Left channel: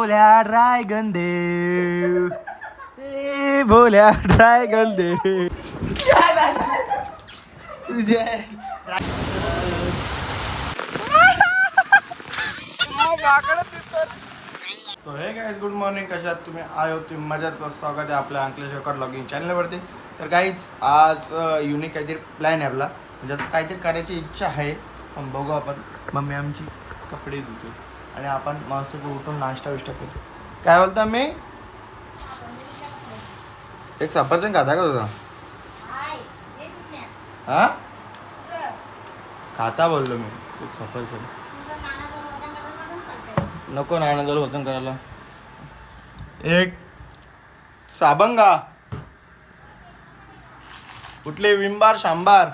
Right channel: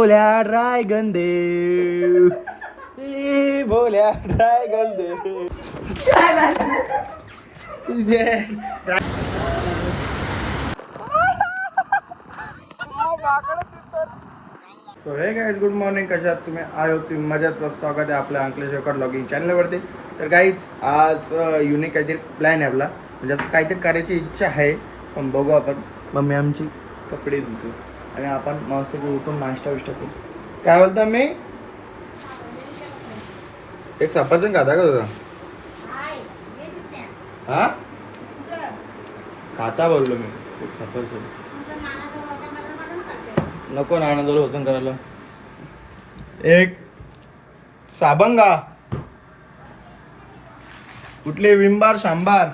भोल्या dragon दे, भोल्या dragon दे तुझे. So हे guys, good morning. कशात तुम्ही? आय होप तुम्ही मजेत. स्वागत आहे आपल्या अंकलेश्वर ब्लॉगिंग चॅनलवरती. तर गाईज, आज युनिक काहीतरी प्लॅन आहे आपला, म्हणजे आता काहीतरी करायची इच्छा आहे, पण बघू आपण. मम्मी आमची कपडे धुतो आणि आपण मस्त उठून नाश्ता विष्टा केली. काय बोलता मी? एक सफरचंद खाता का तुझा? हा खाता बोललो मी. एक सफरचंद नको, नानाजवळ होतं करायला. एक साबंगा कुठले विंबार शांबार.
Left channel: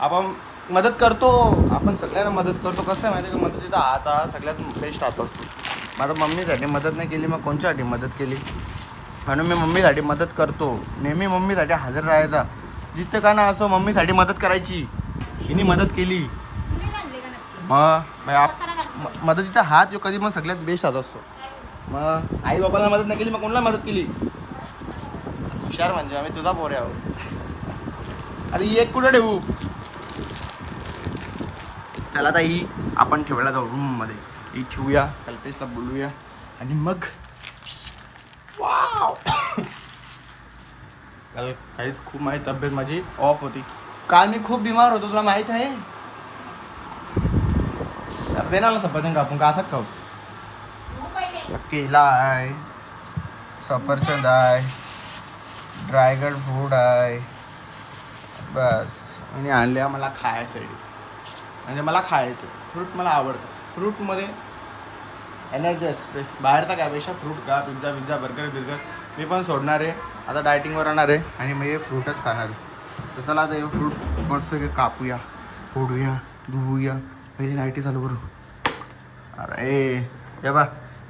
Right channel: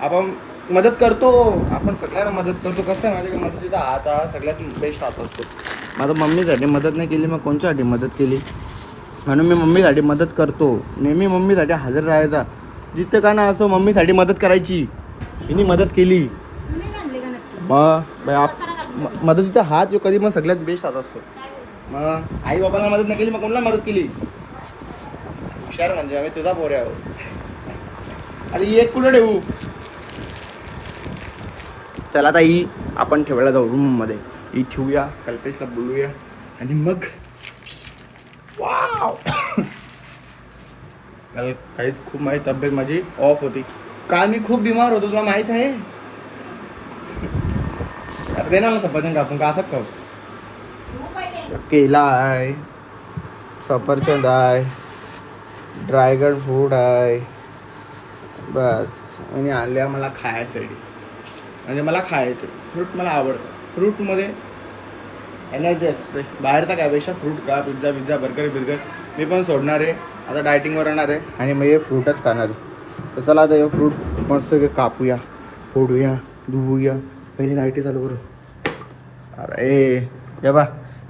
आपण मदत करतो, आपण सगळ्यांना मदत करतो. कसं आहे माहिती का, मदतीचा हात हा सगळ्यात बेस्ट हात असतो. माझा मम्मीसाठी मदत नाही केली, मग कोणच्यासाठी मदत केली? म्हणून मी मम्मीसाठी मदत करतो. नेहमी मम्मीसाठी हजर राहायचा. जिथं का ना असो, मम्मीसाठी मदत करायची. हिने मदत केली मग मदतीचा हात जो कधी मग सगळ्यात बेस्ट हात असतो. मग आई बाबांना मदत नाही केली, मग कोणाला मदत केली? हुशार म्हणजे आम्ही तुझा पोरे आहोत. अरे एक कुठं ठेवू? त्याला आता ही आपण ठेवायला जाऊ रूममध्ये. ही ठेवूया, कल्पेशला बोलूया आणि मग वाव. काहीच खूप माझी तब्येत माझी ऑफ होती. काल मी खूप बिमार होतो, तुला माहित आहे. दे ना सफरचंद कापून, का असंच खाऊ. केला आहे, सफरचंद आहे, ड्रॅगन फ्रूट आहे, बस. आणि आणल्या मला खायसाठी, म्हणजे मला खायचं फ्रूट मला आवडतं. फ्रूटमध्ये एनर्जी असते. बाहेरचा काय फ्रूट का, पिझ्झा बर्गर मी पण सोडणार आहे. आता डायटिंगवर राहणार आहे आणि मग हे फ्रूटच खाणार आहे. तर चला आता हे फ्रूट मस्त कापूया, फोडूया, धुवूया. पहिले लाईटी चालू करू. अरे हे बा,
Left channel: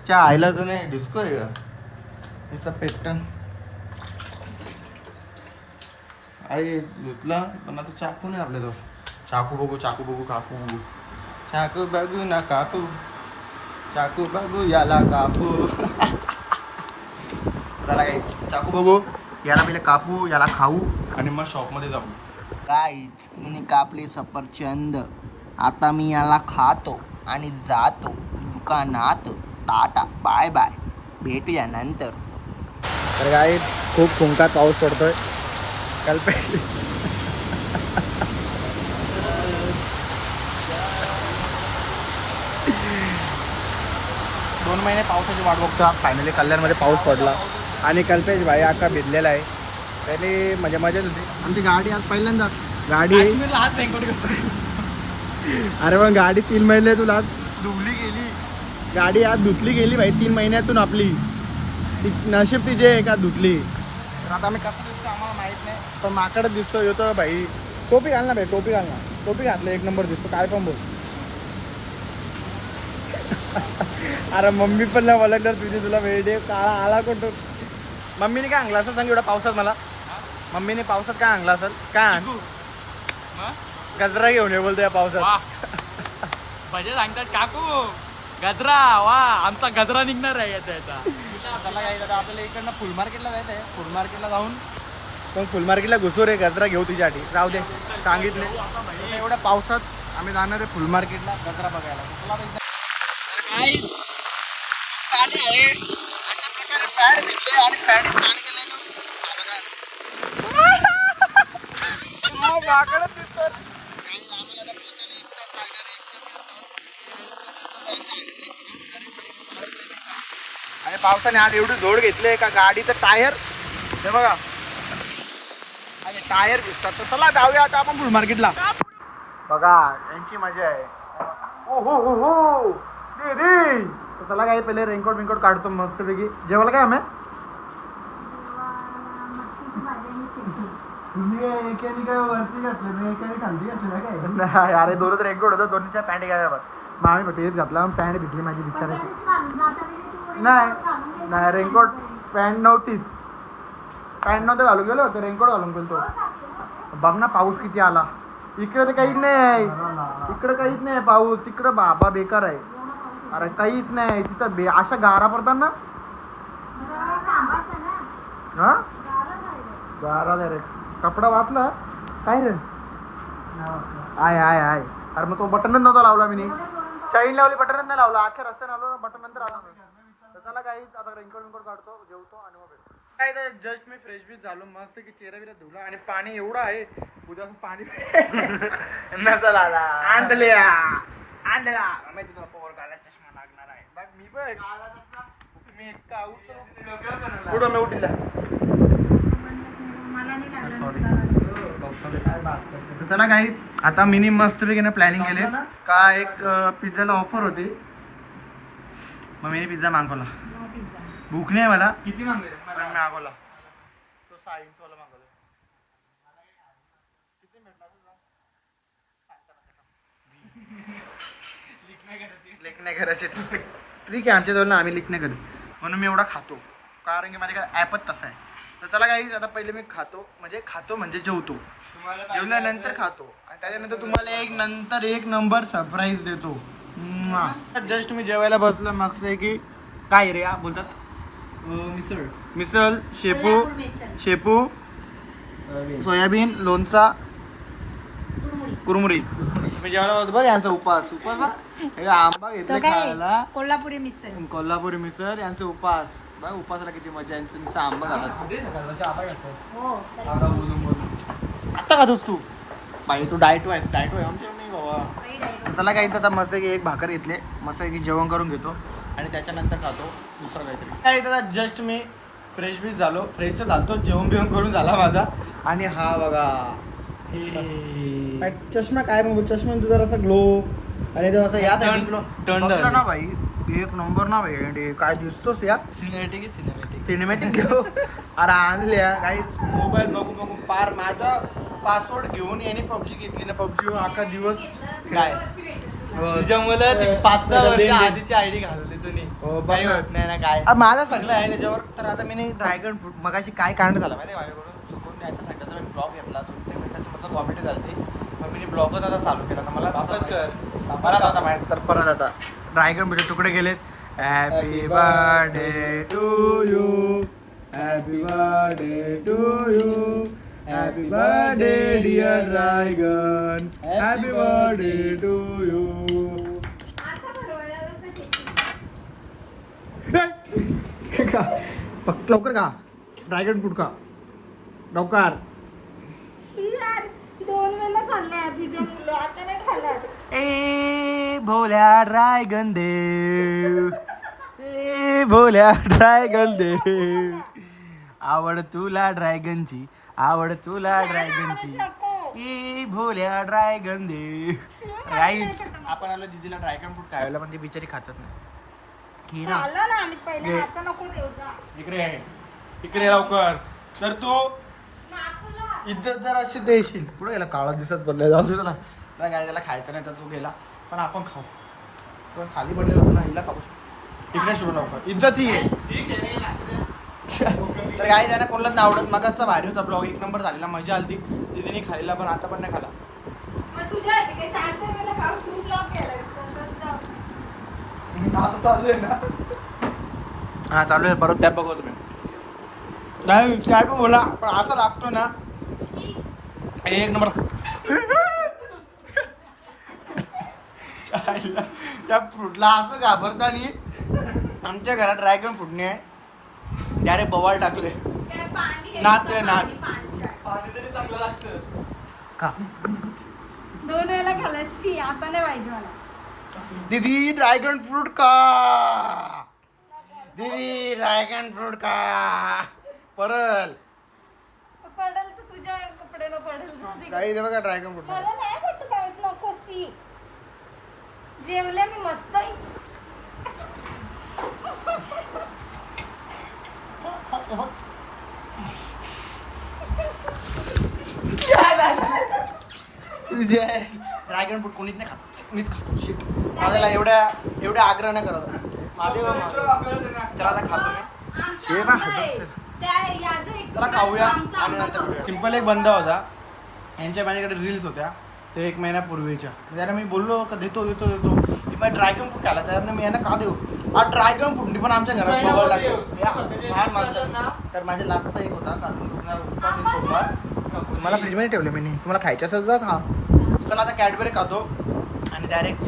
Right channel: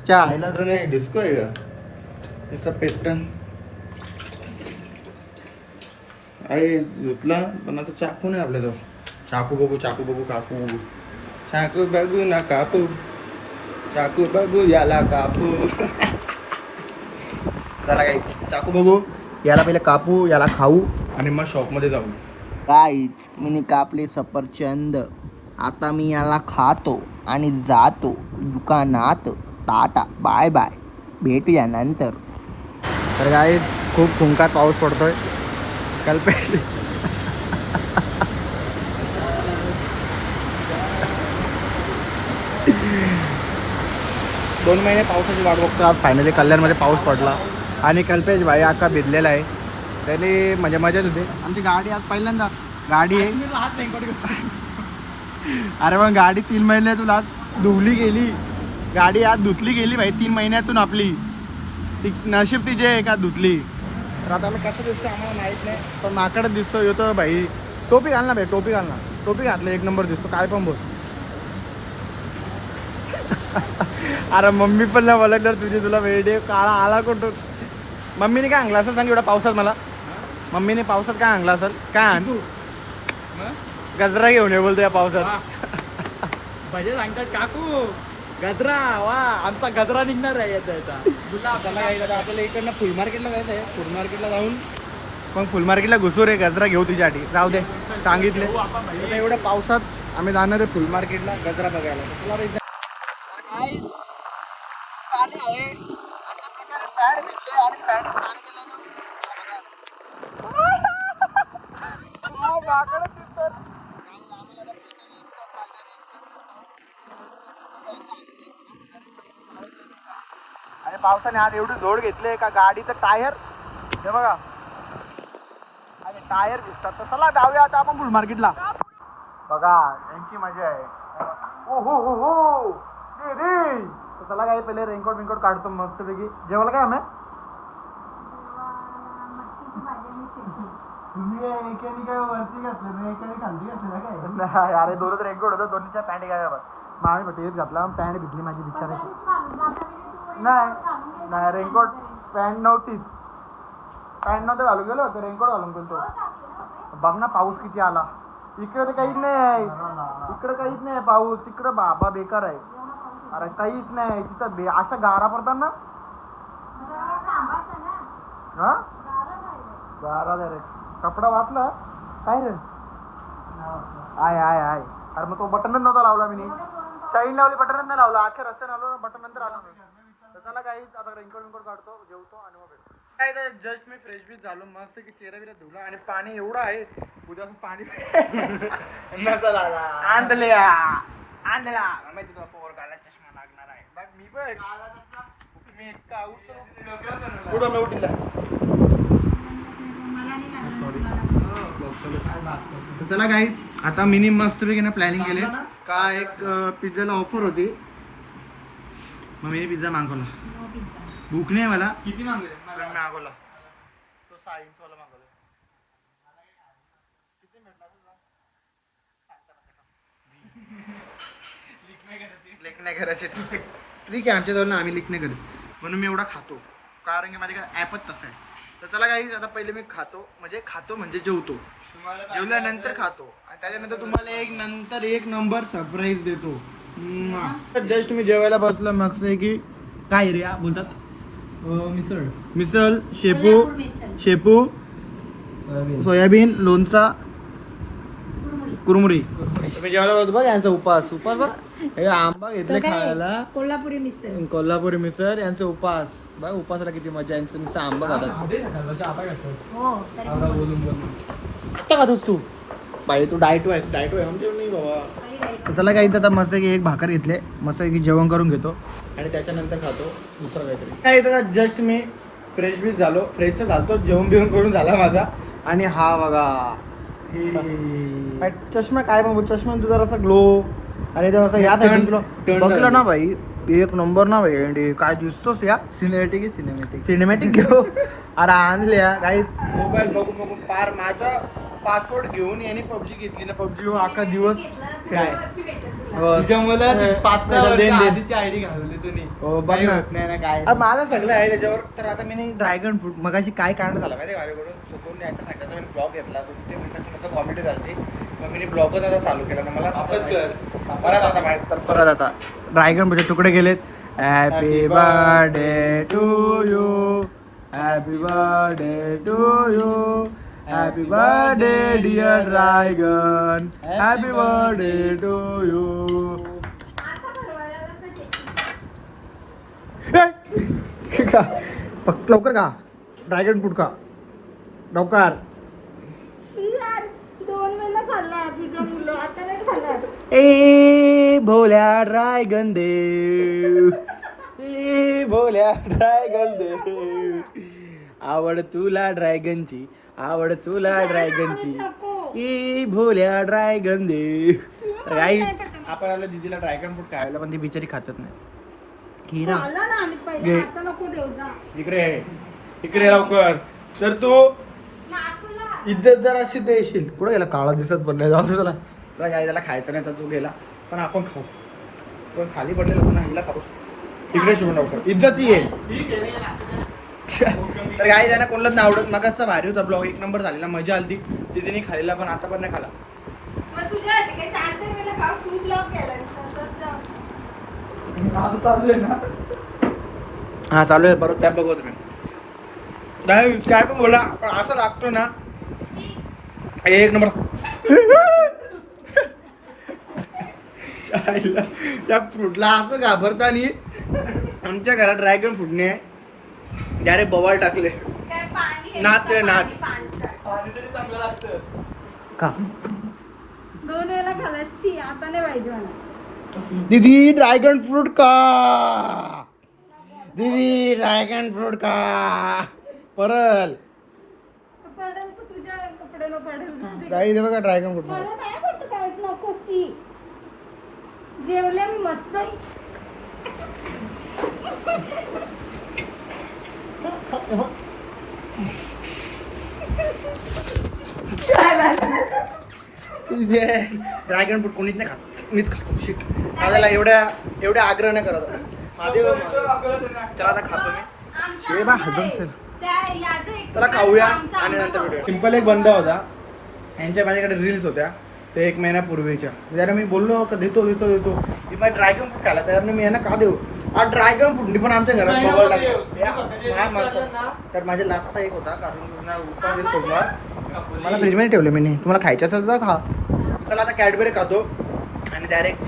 च्या आईला तर नाही डिस्को आहे का त्याचा पेटन. आई धुतला, पण आता चाकू नाही आपल्याजवळ. चाकू बघू कापू बघू. चाकू बघू ना कापू, चाकू बघू याला कापू. चला काही चाकू बघू, याला पहिले कापू, याला खाऊ आणि मग शॉपमध्ये जाऊ. काहीच मी कापले सफरचंद. आता मी याला खातो आणि जातो दुकानात. टाटा बाय बाय, भेटूया नंतर. तर काय खूप फुंकात पाऊस पडतोय. दोन महिने पावसाची वाट बघतो. आज फायनली कल्याणमध्ये पाऊस पडला आणि कल्पेश भाई अख्खा भिजलेला आहे. पहिले म्हणजे मजाच होते. आमची गाडी आज पहिल्यांदा गाडी अरे मग गाडी 3 महिन्यातून आज धुवली गेली. गाडी आज धुतली गेली भाई 3 महिन्यातून. आपली ती नशीब तिचे आहे का धुतली. तर आता आम्ही कसं दिसतो आम्हाला माहीत नाही, पण माकडच दिसतो येतो भाई. टोपी घाल ना भाई, टोपी घाल ना. टोपी घातलं एक नंबर दिसतो. काय पण बोल. अरे मम्मी पण नाही ओळखणार तुझी, तुला वेडे काळा आला कोणतो. मम्मीने काय आणला असेल सांग एवढा पावसात मला. मम्मीने पावसात काय आणला असेल? काय आण? गजरा घेऊन ये बोलतो या पावसात. भजे सांगतात काकू गजरा. वा आमचा गजरा निघणार आहे त्याचा. त्याला यायचं आपल्याला इकडनं फुल मार्केटला जायचं आहे. फुल मार्केटला जाऊन मग फुल मार्केटला घुसू रे, गजरा घेऊ तुझ्यासाठी. जाऊ दे, सांगितले. आता एवढ्या पावसात आम्ही जाणार आहे फुल मार्केटला गजरा बघायला. तुला पाणी आहे अशा प्रकारे पॅड भिजले आणि पॅड पाणी गेले. आणि पावसाने आज एवढी जोड घेतले का गाडीचं टायर हे बघा आणि टायर भिजतात. तर चला जाऊया आता आपण फुल मार्केटला. बघा यांची मजा आहे. दीदी तर चला काय पहिले रेनकोट बिनकोट काढतो मस्तपैकी. जेवायला काय आम्ही एकाने काय वरती घातलं नाही, एकाने खालती घातलं काय. अरे दोनच रेनकोट होतं, दोन्हीच्या पॅन्ट घ्यायला. मग आम्ही फक्त हेच घातला, पॅन्ट भिजली माझी बिचाराची. नाही रेनकोट पॅन्ट नव्हतीच. पॅन्ट नव्हतं घालून गेलो होतं, रेनकोट घालून गेलो. बघ ना पाऊस किती आला. इकडे तर काहीच नाही इकडे काहीच नाही पाऊस तिकडे बाबा बेकार आहे अरे काहीच नाही तिथं अशा गारा पडतात ना हा गारा रे कपडा वाचला काय रे आहे अरे मग तो बटनच नव्हता लावला मी चाईन लावली बटनच नाही लावला अख्ख्या रस्त्याने आलो ना बटन नंतर आलो तर त्याला काहीच आता रेनकोट काढतो जेवतो आणि मग भेटतो काय तर जस्ट मी फ्रेश बीच झालो मस्त की चेहरा बिरा धुला आणि पाणी एवढं आहे उद्या पाणी नसल आला आणला पोर गाला चष्मा लागणार आहे बघ मी बघ मी इतका कुठं मी उठिला चला काही आता मिनी मस्त ना प्लॅनिंग केले का एक पिझ्झाला ऑफर होती मग मी पिझ्झा मागवला भूक नाही मला किती मागले पण मी मागवला तो 6 इंचवाला मागवला लीक नाही करायचे ठीक आहे आमच्या जवळ ना आम्ही लीक नाही करत म्हणून मी एवढा खातो कारण की माझ्याकडे ॲपच तसा आहे तर चला काही आता पहिले मी खातो म्हणजे जेवतो जेवल्यानंतर खातो आणि त्याच्यानंतर तुम्हाला एक नंबर सरप्राईज देतो जस्ट मी जेवायला बसलो मग की काय रे बोलतात मिसळ शेपू सोयाबीन लोणचा कुरमुरी मी जेवायला बसतो बघ यांचा उपास बघ हे आंबा घेतले खायला कोल्हापुरी मिसळ यांचा उपास बघ उपासाला किती मजा यांचं नुसतं आंबा खातात आता खातोस तू बाई तू डाएट म्हणते मी बाबा चला काही आता मस्त की एक भाकर घेतले मस्त की जेवण करून घेतो आणि त्याच्यानंतर खातो दुसरं काहीतरी काय आता जस्ट मी फ्रेश तर झालो जेवण बिवून करून झाला माझा आणि हा बघा चष्मा काय बघू चष्मा तुझा असा ग्लो आणि तो असं या बघलं ना भाई एक नंबर ना भाई काय दिसतोस या सिनेमॅटिक घेऊ अरे आणले काहीच मोबाईल बघू पार माझा पासवर्ड घेऊन याने पबजी घेतली ना पबजी अख्खा दिवस काय माझं सगळं आहे त्याच्यावर तर आता मी ड्रॅगन फ्रूट मगाशी काय कारण झालं माहिती माझ्याकडून चुकून याच्या सगळ्याचा मी ब्लॉग घेतला 2-3 मिनिटाची मस्त कॉमेडी झाली मग मी ब्लॉगच आता चालू केला ना मला परत आता माहित तर परत आता ड्रॅगन फ्रूटचे तुकडे गेलेत happy birthday to you happy birthday to you happy birthday dear dragon happy birthday to you फक्त लवकर का ड्रॅगन फ्रूट का लवकर 2 वेळा खाल्ला तुझ्या मुलं आता नाही खाल्ला ए भोल्या ड्रॅगन देव ए भोल्या ड्रॅगन देव आवड तुला ड्रॅगनची ए भोल्या ड्रॅगन देव राईट आपण आलो दीदीला ड्रॅगन फ्रूट खायला पण ती बिचारी खातच नाही की ना खाल्ला ना आम्ही पहिले आता नको देऊ जा इकडे लवकर तर तू इज्जत जर अशी देशील पुढे गेला काळा दिसत पण नाही जाऊ त्याला काय त्याला खायचं नाही तर तू गेला पण आपण खाऊ पण खाली पडलेला पुन्हा हिला खाऊ इकडे शिवून लवकर इज्जतची आहे तर काही त्यांना कोणालाच नाही आवडत मगाचा भारी होता ब्लॉग 1 नंबर झालेला मजा आली दीदीने खाल्लेला पण आता पण नाही खाला मग तुझ्या काय छान केलं का खूप ब्लॉग केला आता चालू आहे ना हा चालू आहे परत त्या बघू तुम्ही नाही काय पण बोला पण असं लागतो ना 1 नंबर त्या फ्रूटला असं घाबरतानी आमच्या घरात ड्रॅगन फ्रूटने डायरेक्ट बवाल टाकले नात चांगलं लागतं का 2 वेळा खाल्ला आता नाही पाहिजे मला दीदी ड्रॅगन फ्रूट का परल पडेल तर तुझ्या कपड्याला पडेल काही दे बघा ड्रॅगन फ्रूट मला नाही वाटत काय नको शी जेवले मी मस्त तुझे ड्रॅगन फ्रूट कोणीच नाही खात मीच खातो शिट माझ्याला एवढ्या आग्रह नाही करत महादेव त्याला आता खातो मी शेबा खातो त्याला खाऊया आणि नंतर भेटूया सिंपल एक बंद होता यांच्या माझ्याकडे रील्स होत्या ते 1 महिन्यापूर्वीच्या त्याला मी बोललो का देतो मी माझ्या ड्रॅगन फ्रूट खायला त्यानं मी यांना का देऊ हा ड्रॅगन फ्रूट पण आमच्या घरात बघायला लागलं. तर माझ्या लास्टचा एक होता कारण उपास आहे सोमवार मला फ्रीजमध्ये ठेवले मी तुम्हाला खायचं असेल तर खा. चला आता कॅडबरी खातो आणि डायरेक्ट.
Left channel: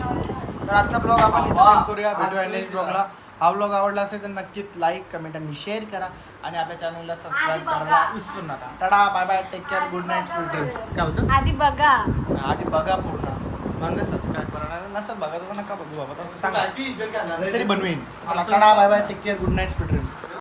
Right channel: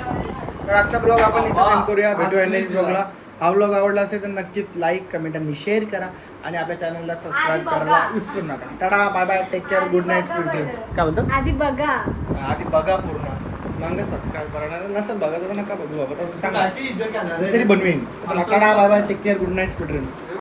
तर आजचा ब्लॉग आपण इथं सेंड करूया. भेटूया नेक्स्ट ब्लॉगला. हा ब्लॉग आवडला असेल तर नक्कीच लाईक कमेंट आणि शेअर करा आणि आपल्या चॅनलला सबस्क्राईब करायला विसरू नका. Tata bye bye take care good night sweet dreams. काय बोलतो आधी बघा आधी बघा पूर्ण मग सबस्क्राईब करणार नसेल बघा तर नका बघू बाबा सांगा तरी बनवेन. Tata bye bye take care good night sweet dreams.